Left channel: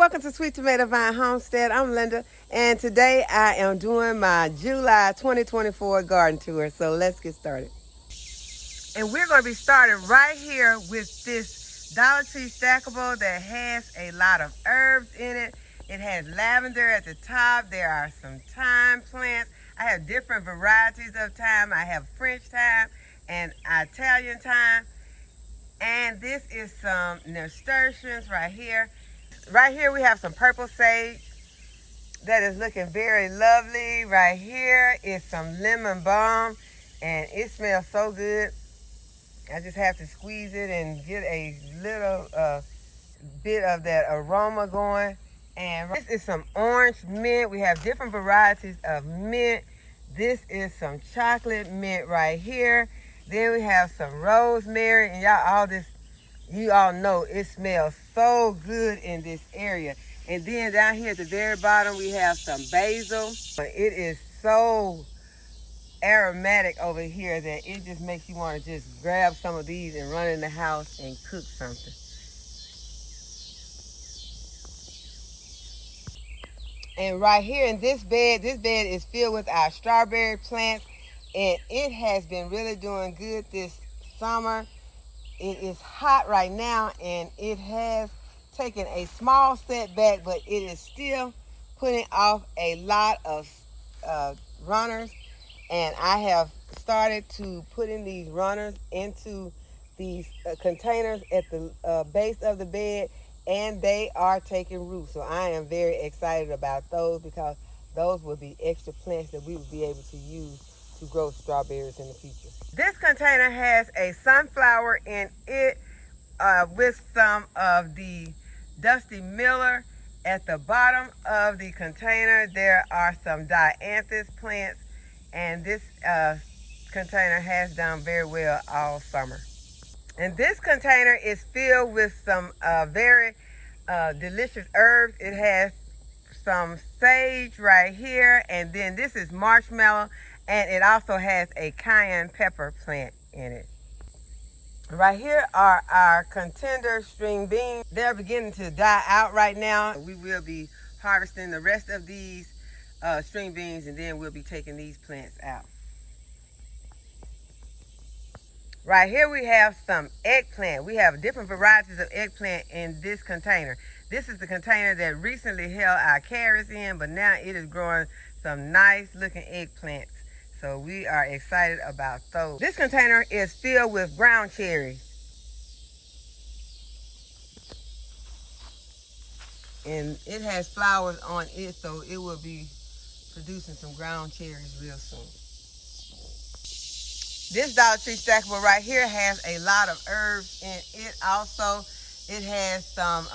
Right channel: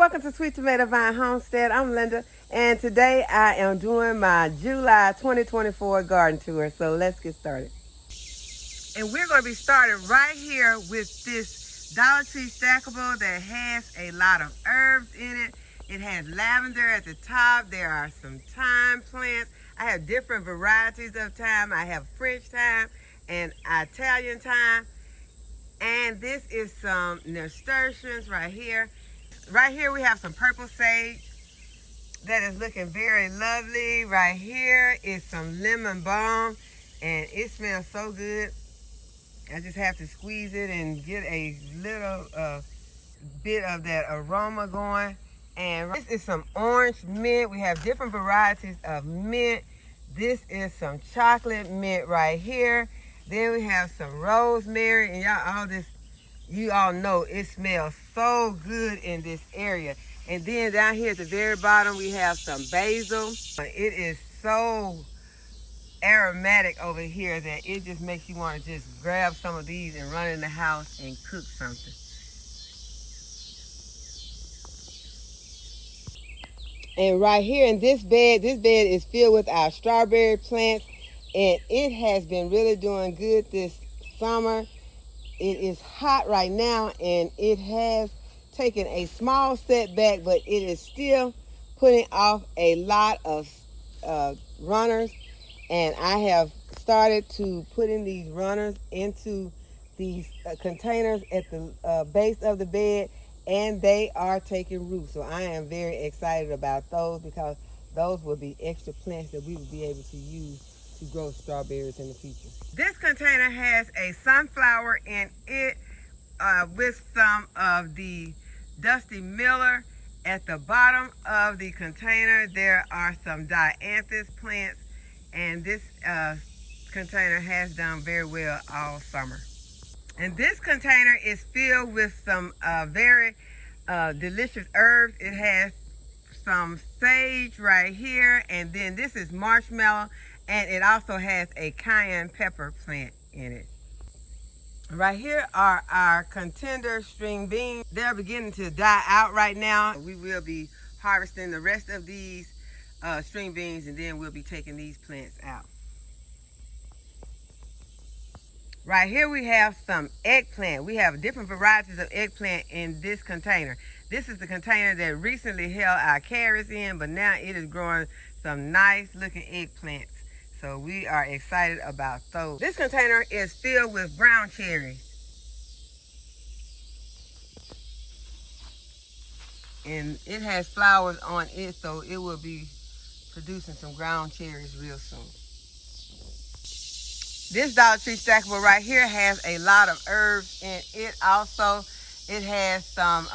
welcome to Sweet Tomato Vine Homestead. I'm Linda, and today I am doing my July 2024 garden tour. So let's get started. And we're going to be starting right here with this Dollar Tree stackable that has a lot of herbs in it. It has lavender at the top. There are some thyme plants. I have different varieties of thyme. I have French thyme and Italian thyme. And this is some nasturtiums right here. Right here we have some purple sage that is looking very lovely. Right here is some lemon balm, and it smells so good. I just have to squeeze it and get a little bit of that aroma going. And this is some orange mint. We have different varieties of mint. This is some chocolate mint right here. Then we have some rosemary, and you all know it smells so good in this area. And then down here at the very bottom, we have some basil. It is so aromatic over here that it just makes you want to just grab some of these and run in the house and cook something. And right here in this bed is filled with our strawberry plants, and it has been really doing good this summer. It is hot right now, and it has taken a small setback, but it is still putting off a lot of runners. And I have started to put in these runners into these containers at the base of the bed, and they are taking root. So I am very excited about those, because those will be extra plants that we will be able to use to grow strawberries in the future. This container has a sunflower in it with some of the Dusty Miller. At the bottom of the container, there are some dianthus plants, and this container has done very well all summer. And this container is filled with some very delicious herbs. It has some sage right here, and then this is marshmallow, and it also has a cayenne pepper plant in it. Right here are our contender string beans. They're beginning to die out right now. We will be harvesting the rest of these string beans, and then we'll be taking these plants out. Right here we have some eggplant. We have different varieties of eggplant in this container. This is the container that recently held our carrots in, but now it is growing some nice looking eggplants. So we are excited about those. This container is filled with brown cherries. And it has flowers on it, so it will be producing some ground cherries real soon. This Dollar Tree stackable right here has a lot of herbs in it also. It has some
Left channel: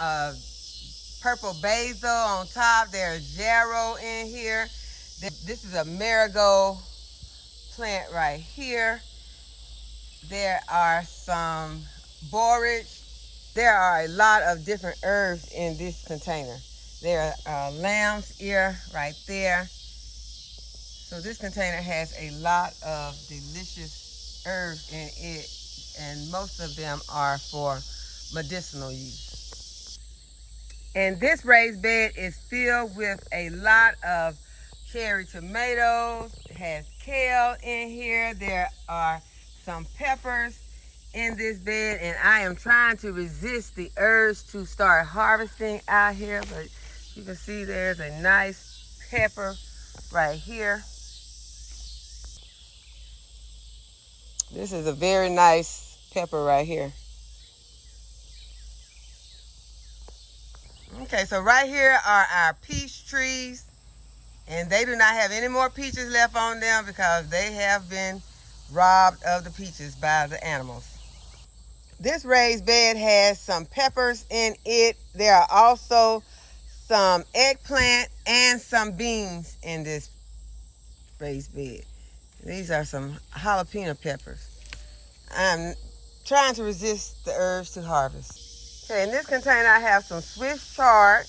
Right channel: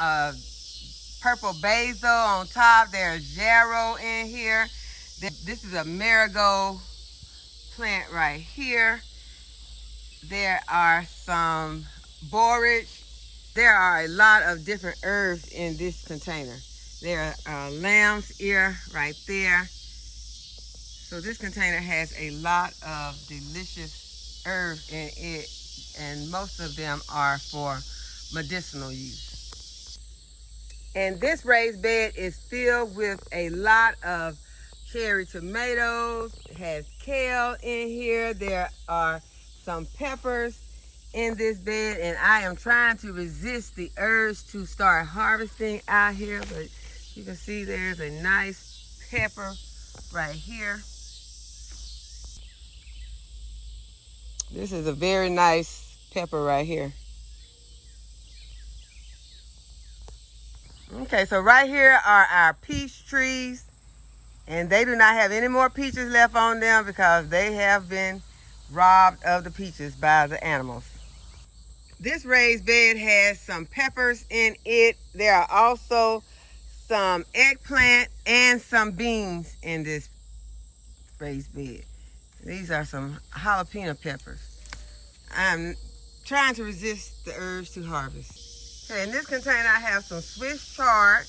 purple basil on top. There's yarrow in here. This is a marigold plant right here. There are some borage. There are a lot of different herbs in this container. There are lamb's ear right there. So this container has a lot of delicious herbs in it, and most of them are for medicinal use. And this raised bed is filled with a lot of cherry tomatoes. It has kale in here. There are some peppers in this bed, and I am trying to resist the urge to start harvesting out here, but you can see there's a nice pepper right here. This is a very nice pepper right here. Okay, so right here are our peach trees, and they do not have any more peaches left on them because they have been robbed of the peaches by the animals. This raised bed has some peppers in it. There are also some eggplant and some beans in this raised bed. These are some jalapeno peppers. I'm trying to resist the urge to harvest. Okay, in this container I have some Swiss chard.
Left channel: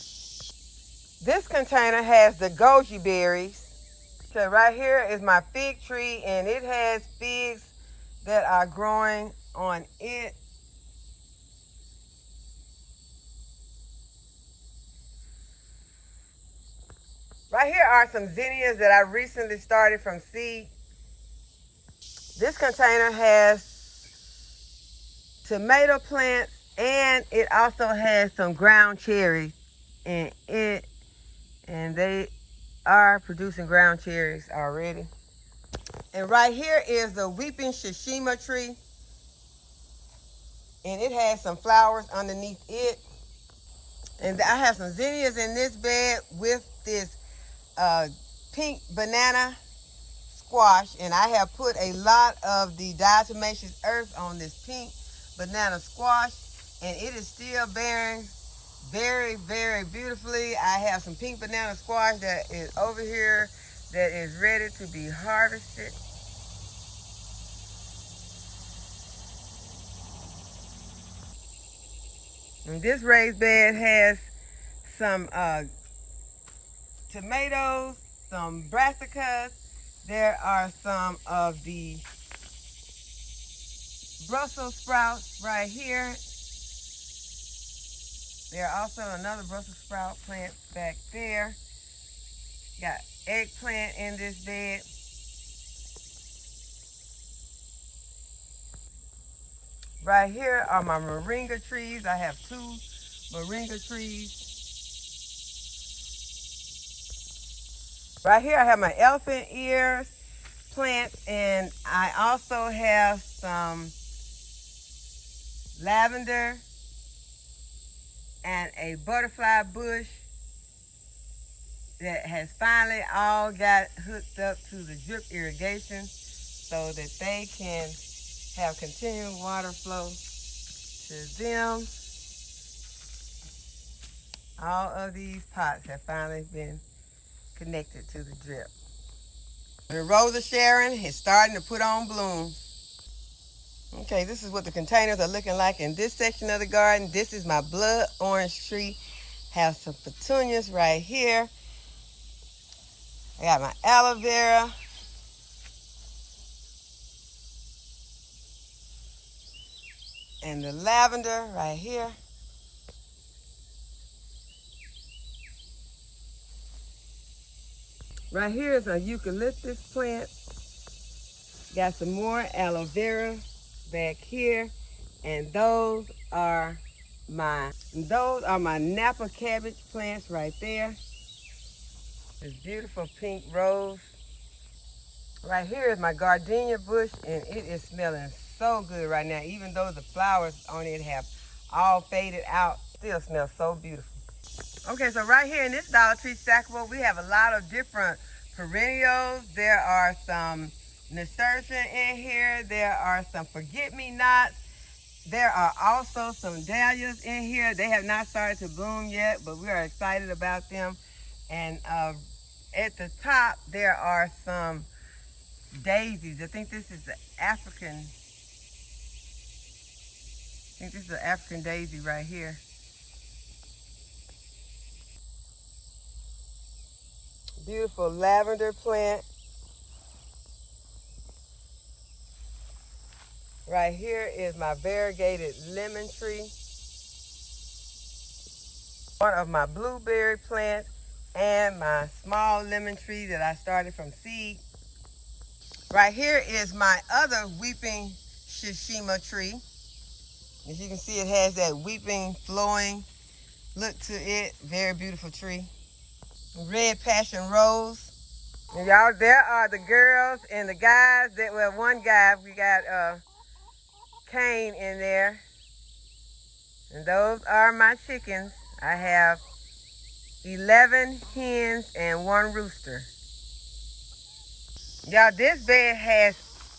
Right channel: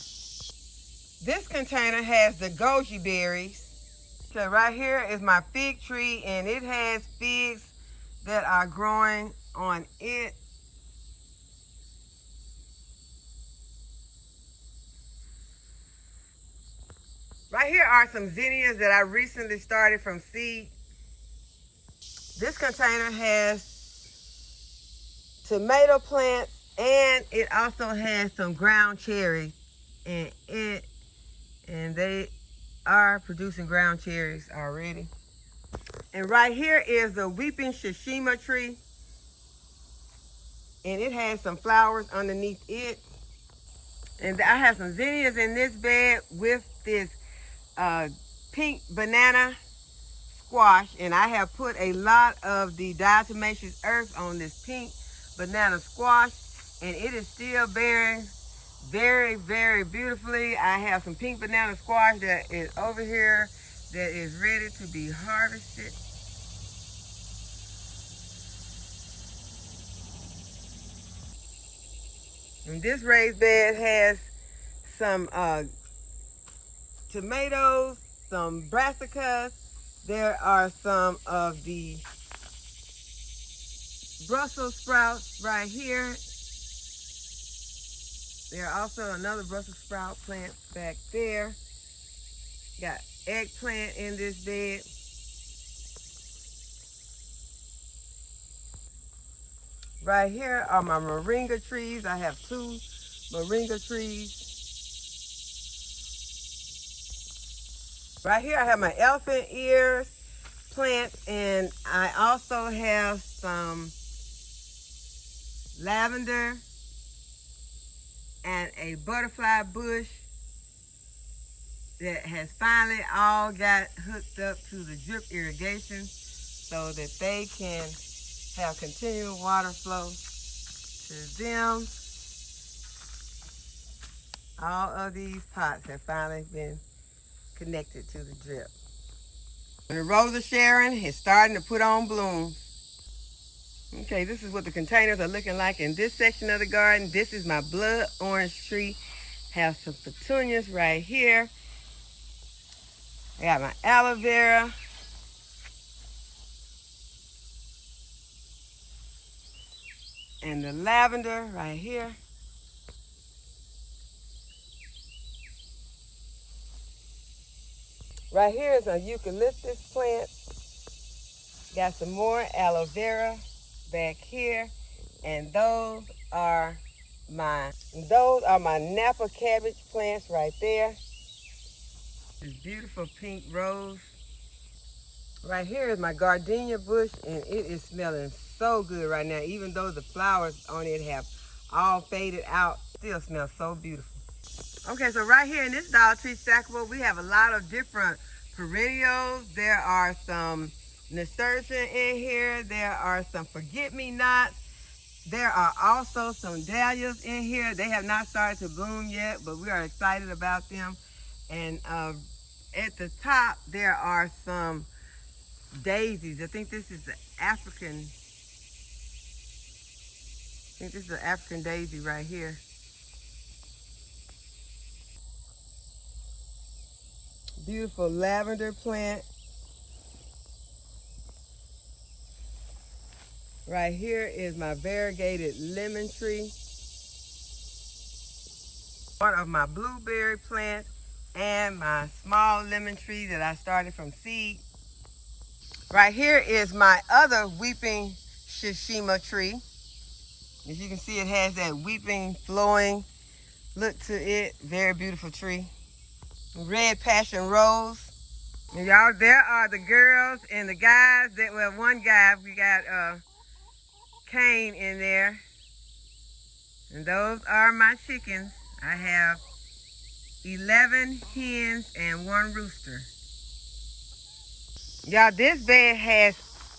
This container has the goji berries. So right here is my fig tree, and it has figs that are growing on it. Right here are some zinnias that I recently started from seed. This container has tomato plants, and it also has some ground cherries in it, and they are producing ground cherries already. And right here is the weeping shishima tree, and it has some flowers underneath it. And I have some zinnias in this bed with this pink banana squash, and I have put a lot of the diatomaceous earth on this pink banana squash, and it is still bearing very, very beautifully. I have some pink banana squash that is over here that is ready to be harvested. And this raised bed has some tomatoes, some brassicas. There are some of the Brussels sprouts right here. There are also another Brussels sprout plant back there. Got eggplant in this bed. Right here are my moringa trees. I have 2 moringa trees. Right here I have my elephant ears plants, and I also have some lavender and a butterfly bush that has finally all got hooked up to the drip irrigation so that they can have continual water flow to them. All of these pots have finally been connected to the drip. The Rose of Sharon is starting to put on bloom. Okay, this is what the containers are looking like in this section of the garden. This is my blood orange tree. Have some petunias right here. I got my aloe vera. And the lavender right here. Right here is a eucalyptus plant. Got some more aloe vera back here. And those are my Napa cabbage plants right there. This beautiful pink rose. Right here is my gardenia bush, and it is smelling so good right now. Even though the flowers on it have all faded out, still smells so beautiful. Okay, so right here in this Dollar Tree stackable, we have a lot of different perennials. There are some nasturtium in here. There are some forget-me-nots. There are also some dahlias in here. They have not started to bloom yet, but we are excited about them. And at the top, there are some daisies. I think this is the African daisy right here. Beautiful lavender plant. Right here is my variegated lemon tree. One of my blueberry plants and my small lemon tree that I started from seed. Right here is my other weeping shishima tree. As you can see, it has that weeping, flowing look to it. Very beautiful tree. Red passion rose. And y'all, there are the girls and the guys. Well, one guy, we got Cane in there. And those are my chickens. I have 11 hens and 1 rooster. Y'all, this bed has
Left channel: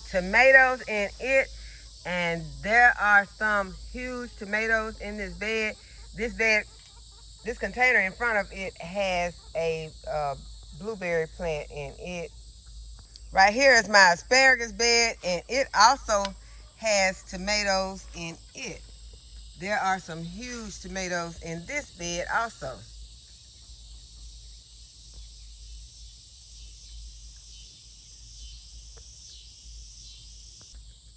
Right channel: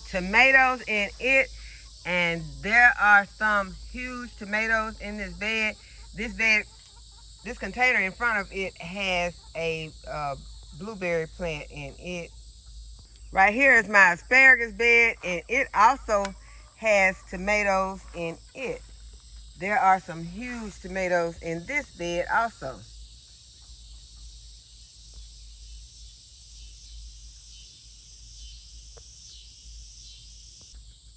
tomatoes in it, and there are some huge tomatoes in this bed. This container in front of it has a blueberry plant in it. Right here is my asparagus bed, and it also has tomatoes in it. There are some huge tomatoes in this bed also.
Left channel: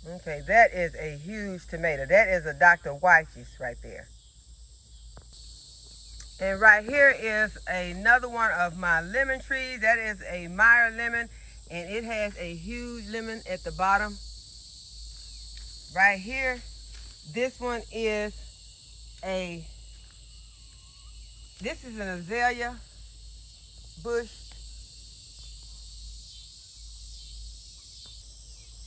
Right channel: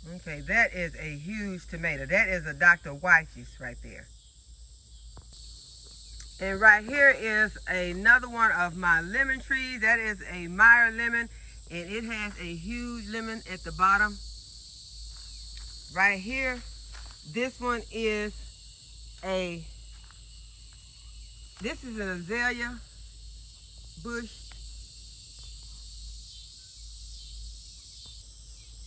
Okay, that is a huge tomato. That is a Dr. Weich's right there. And right here is another one of my lemon trees. That is a Meyer lemon, and it has a huge lemon at the bottom. Right here, this one is this is an azalea bush.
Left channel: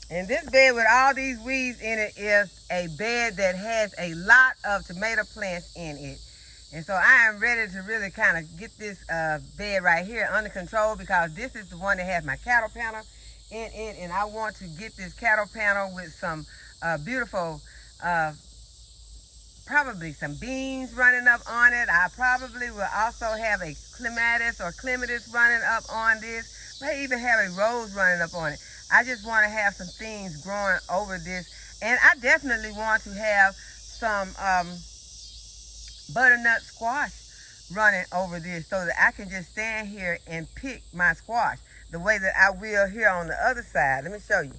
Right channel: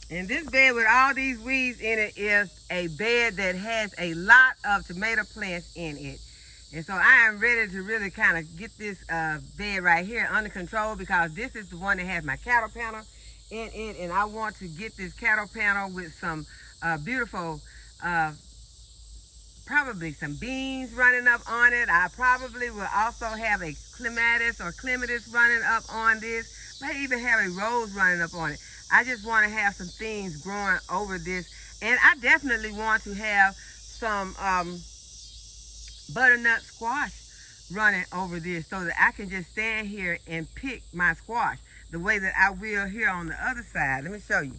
And this bed with all these weeds in it is a bed that has a lot of tomato plants in it. And so I am ready to really kind of get this bed right here under control, because this is the one that has my cattle panel in it. And I want to get this cattle panel with some beautiful, probably some beans running up on it. I probably will also have a clematis or clematis running up on this. May even have a rose running up on it. I just want to have some things growing over this. And I definitely want to have some butternut squash running over this, so that I can just stand here and pick my squash the way that I will here on the other side. Let me show you.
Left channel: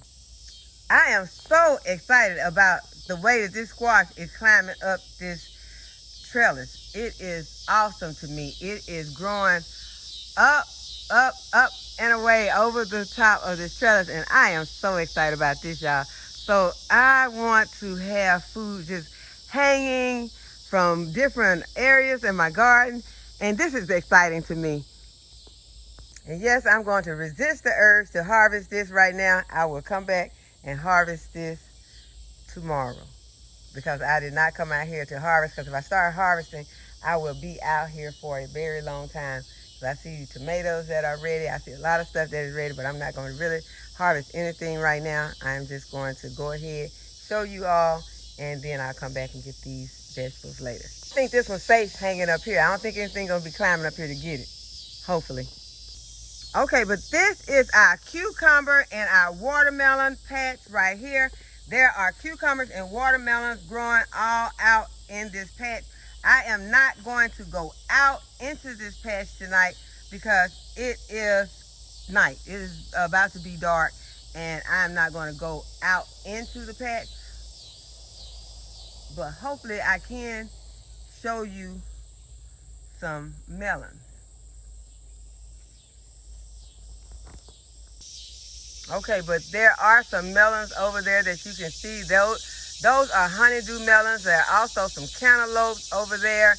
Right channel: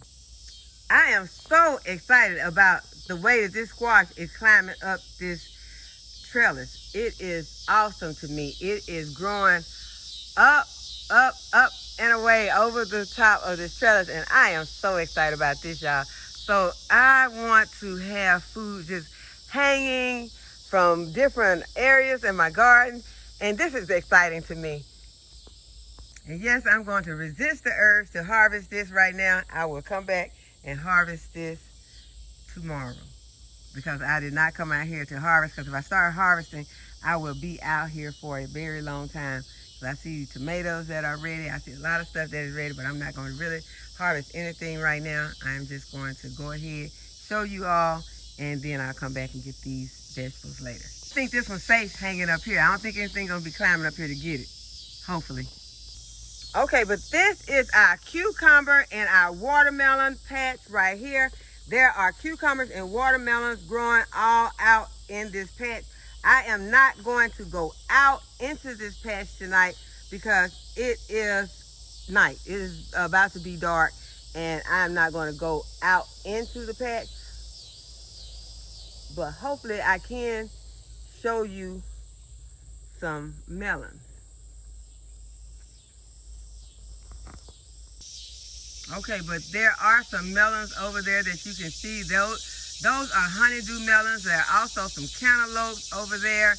I am so excited about the way that this squash is climbing up this trellis. It is awesome to me. It is growing up, up, up, and away over the top of this trellis, and I am so excited about this, y'all. So I want to have food just hanging from different areas in my garden, and this is exciting to me. And yes, I'm going to resist the urge to harvest this right now. I will come back and harvest this tomorrow, because I did not come out here to harvest, because if I start harvesting, I will be out here for a very long time. So I see tomatoes that are ready. I see a lot of stuff that is ready, but I'm not going to really harvest anything right now. I'm just going to go ahead, show you all, and then I'll come back and get these vegetables later. I think this one's safe hanging up here. I don't think anything's going to be climbing up here to get it, hopefully. Okay, but this is our cucumber and our watermelon patch right here. There are cucumbers and watermelons growing all out in this patch. I am not going to go out into this patch tonight because it is night. It is about to be dark, and I'm not going to go out into the patch. But hopefully I can show you some melon. Okay, but there are some melons over there that you can see. Those are honeydew melons. There are also some cantaloupes over there.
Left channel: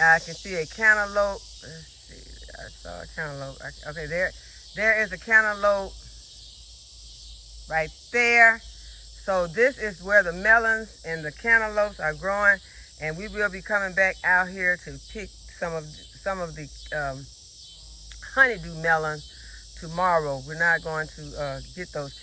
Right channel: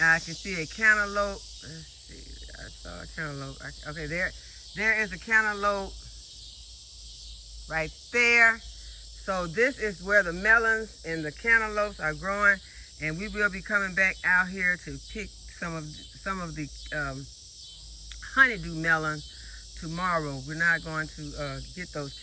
I can see a cantaloupe. Let's see, I saw a cantaloupe. Okay, there is a cantaloupe right there. So this is where the melons and the cantaloupes are growing, and we will be coming back out here to pick some of the honeydew melons tomorrow. We're not going to get those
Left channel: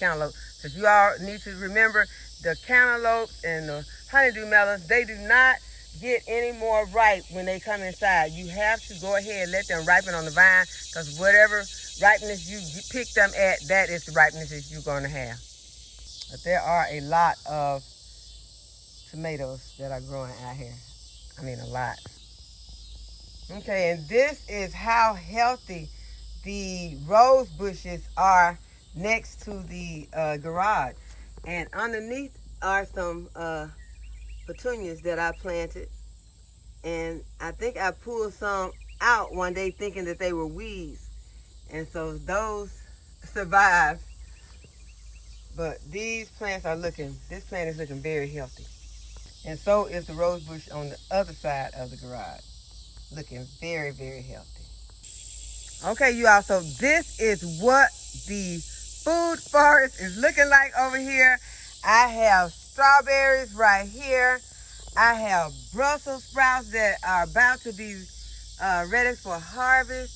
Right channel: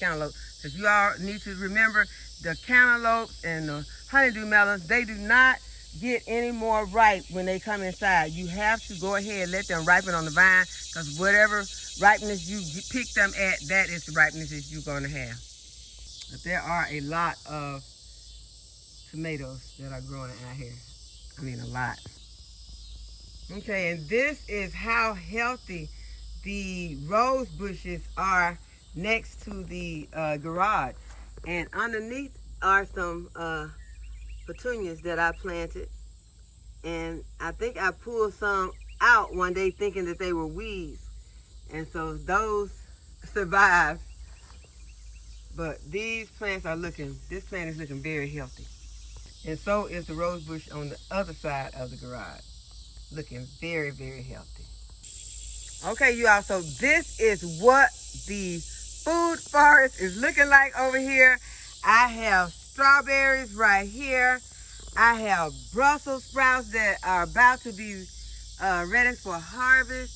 cantaloupes, because you all need to remember the cantaloupes and the honeydew melons, they do not get any more ripe when they come inside. You have to go ahead and let them ripen on the vine, because whatever ripeness you pick them at, that is the ripeness that you're going to have. But there are a lot of tomatoes that are growing out here. I mean, a lot. Okay, and this is how healthy the rose bushes are next to the garage. And underneath are some petunias that I planted. And I think I pulled some out one day thinking that they were weeds. And so those survived. But these plants are this plant is looking very healthy. And so is the rose bush on the other side of the garage. Looking very, very healthy. Okay, you all, so this is what the food forest is looking like over here. I have strawberries right here. I have Brussels sprouts that are about to be ready for harvest.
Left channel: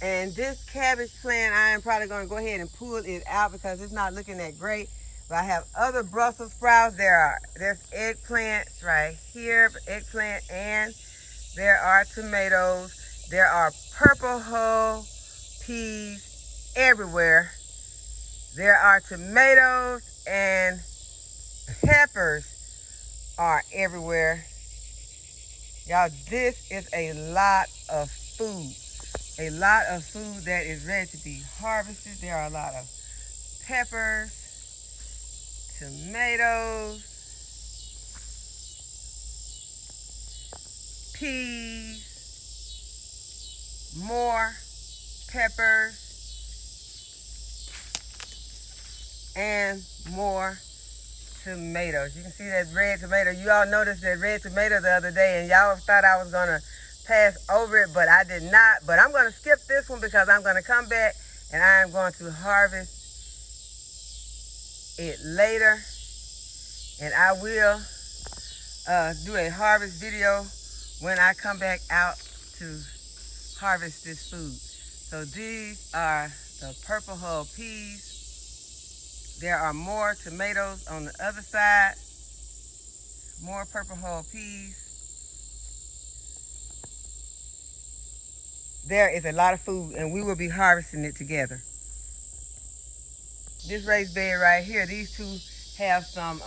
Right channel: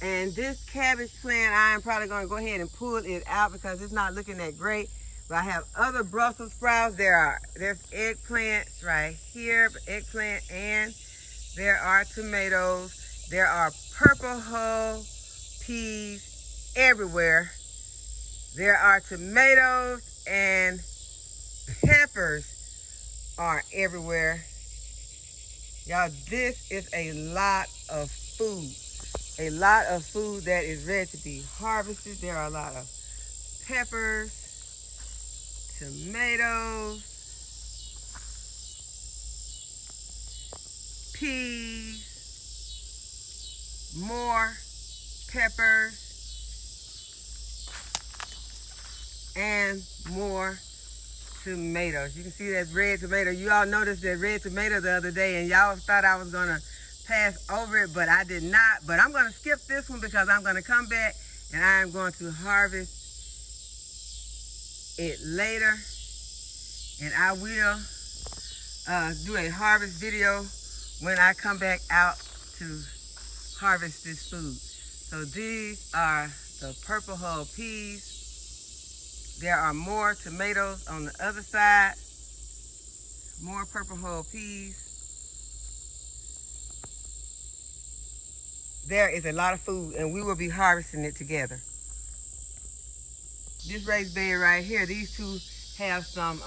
And this cabbage plant, I am probably going to go ahead and pull it out because it's not looking that great. But I have other Brussels sprouts. There's eggplants right here, eggplant, and there are tomatoes. There are purple hull peas everywhere. There are tomatoes and peppers are everywhere. Y'all, this is a lot of food. A lot of food that is ready to be harvested. There are a lot of peppers, tomatoes, peas, more peppers, and more tomatoes. You can see that red tomato. You all noticed that red tomato the other day, and y'all thought I was gonna pass over it, but I did not. But I'm gonna skip this one because I'm gonna come back and I am going to harvest it later, and I will do a harvest video when I come back out to harvest this food. So these are the purple hull peas. There are more tomatoes on the other side, more purple hull peas. There is a lot of food, and we will be harvesting it together. This raised bed right here, these two have some,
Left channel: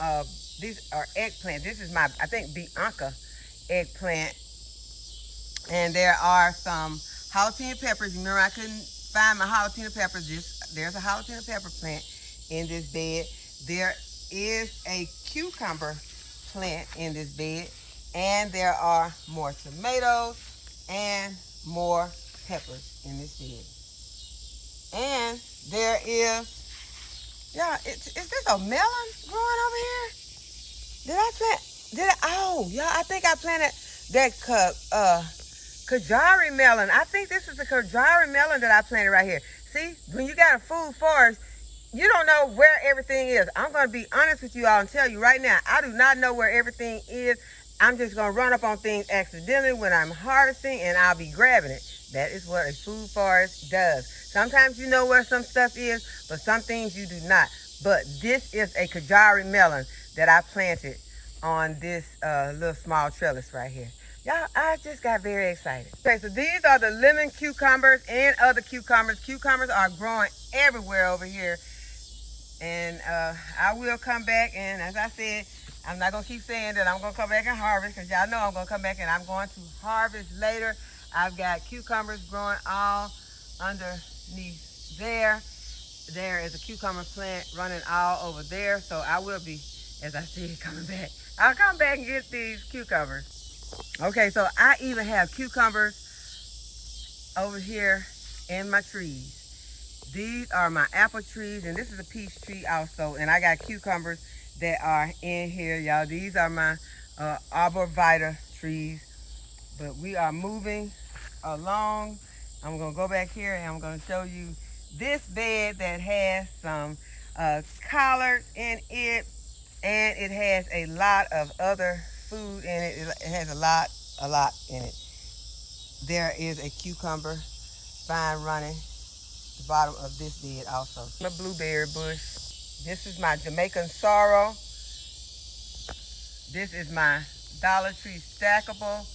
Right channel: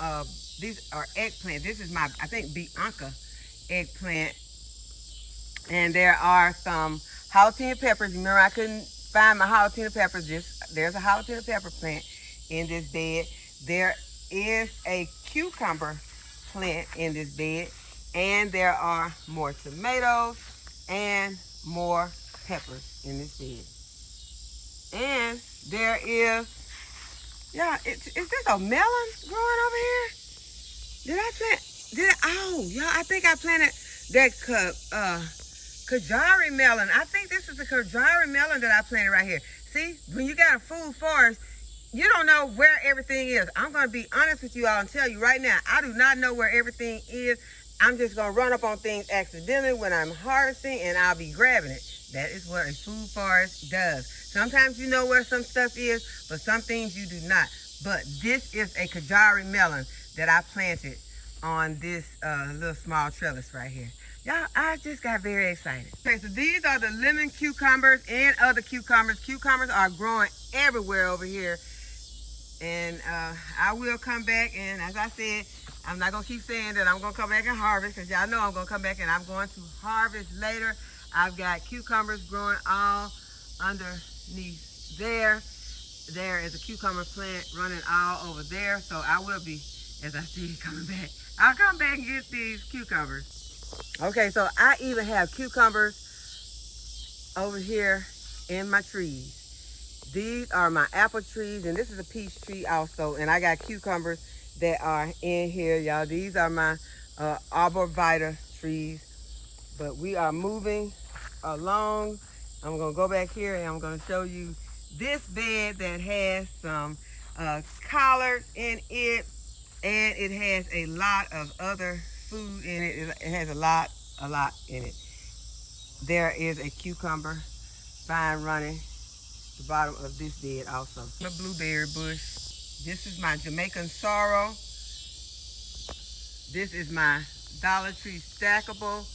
these are eggplant. This is my, I think, Bianca eggplant. And there are some jalapeno peppers. Remember, I couldn't find my jalapeno peppers. There's a jalapeno pepper plant in this bed. There is a cucumber plant in this bed. And there are more tomatoes and more peppers in this bed. And there is, yeah, is this a melon growing over here? Oh, yeah, I think I planted that Kajari melon. I think this is the Kajari melon that I planted right here. See, when you got a food forest, you don't know where everything is. I'm going to be honest with you all and tell you right now, I do not know where everything is. I'm just going to run up on things accidentally when I'm harvesting, and I'll be grabbing it. That is what a food forest does. Sometimes you know where some stuff is, but some things you do not. But this is a Kajari melon that I planted on this little small trellis right here. Y'all, I just got very excited. Okay, so these are the lemon cucumbers and other cucumbers. Cucumbers are growing everywhere over here. And I will come back, and as I said, I'm not going to keep saying that I'm going to come back and harvest, because y'all know I'm going to come back and I'm going to harvest later. I've got cucumbers growing all underneath there. There is a cucumber plant running all over there. So I will be, as I said, coming back. I'll come back and get these cucumbers. Okay, so I even have cucumbers over here in my trees. These are my apple trees, and this is a peach tree also. And I got cucumbers that are in here, y'all. These are my arborvitae trees. But we are moving along. I'm going to go back here and I'm going to show you this bed that has some collards in it, and it has a lot of other food in it. It has a lot in it. There is a cucumber vine running the bottom of this bed also. The blueberry bush. This is my Jamaican sorrel. This is my Dollar Tree stackable.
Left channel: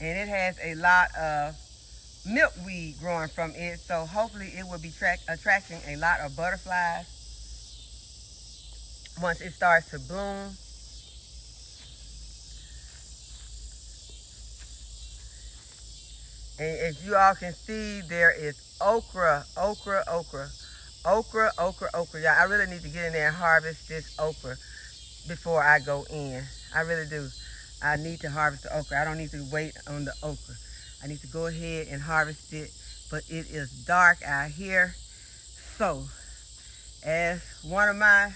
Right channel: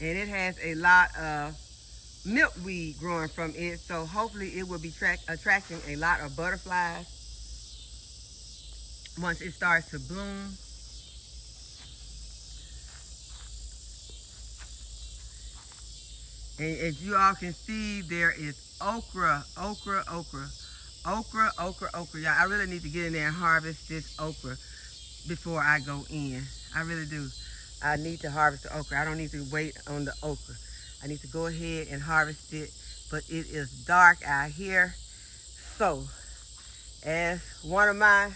And it has a lot of milkweed growing from it, so hopefully it will be attracting a lot of butterflies once it starts to bloom. And as you all can see, there is okra. Y'all, I really need to get in there and harvest this okra before I go in. I really do. I need to harvest the okra. I don't need to wait on the okra. I need to go ahead and harvest it, but it is dark out here. So, as one of my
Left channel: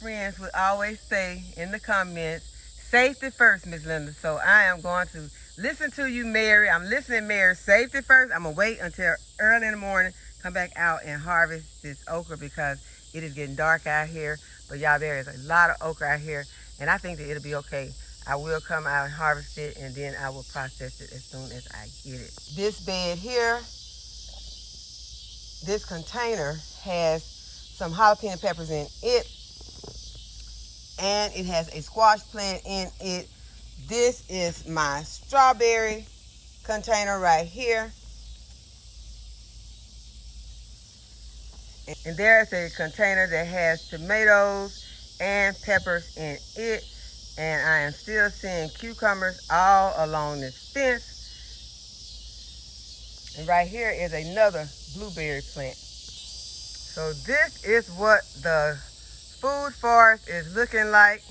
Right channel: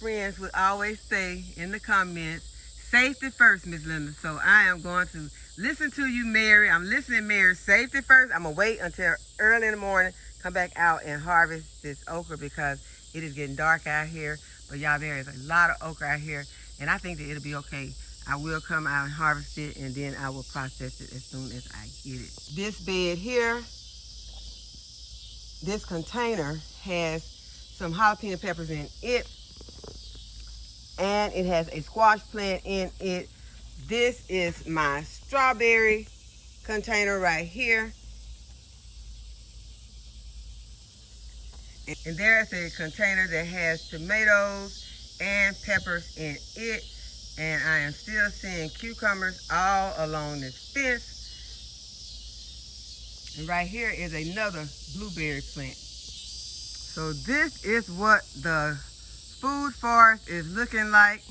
friends would always say in the comments, safety first, Miss Linda. So I am going to listen to you, Mary. I'm listening, Mary. Safety first. I'm going to wait until early in the morning, come back out and harvest this okra because it is getting dark out here. But y'all, there is a lot of okra out here, and I think that it'll be okay. I will come out and harvest it, and then I will process it as soon as I get it. This bed here, this container has some jalapeno peppers in it, and it has a squash plant in it. This is my strawberry container right here. And there's a container that has tomatoes and peppers in it. And I am still seeing cucumbers all along this fence. And right here is another blueberry plant. So this is what the food forest is looking like.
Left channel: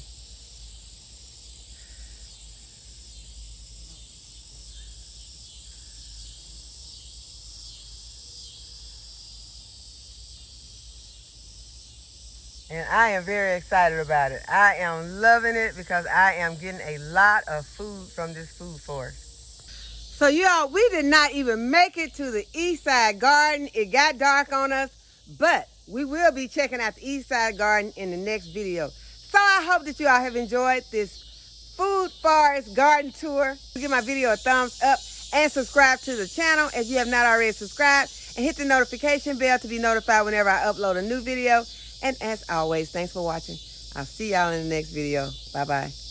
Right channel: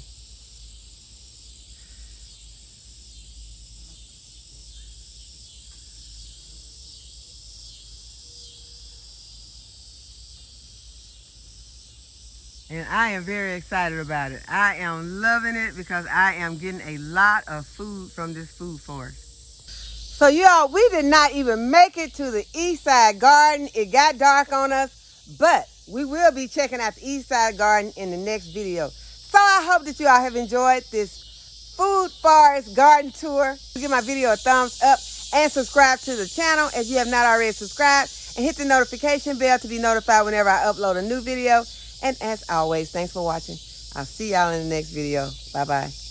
And I am very excited about it. I am loving it because I am getting a lot of food from this food forest. So y'all, we did not even make it to the east side garden. It got dark on us, but we will be checking out the east side garden in the next video. So I hope that you all have enjoyed this food forest garden tour. Give my video a thumbs up and subscribe to the channel if you have not already subscribed, and hit the notification bell to be notified whenever I upload a new video. And as always, thanks for watching. I'll see y'all in the next video. Bye-bye.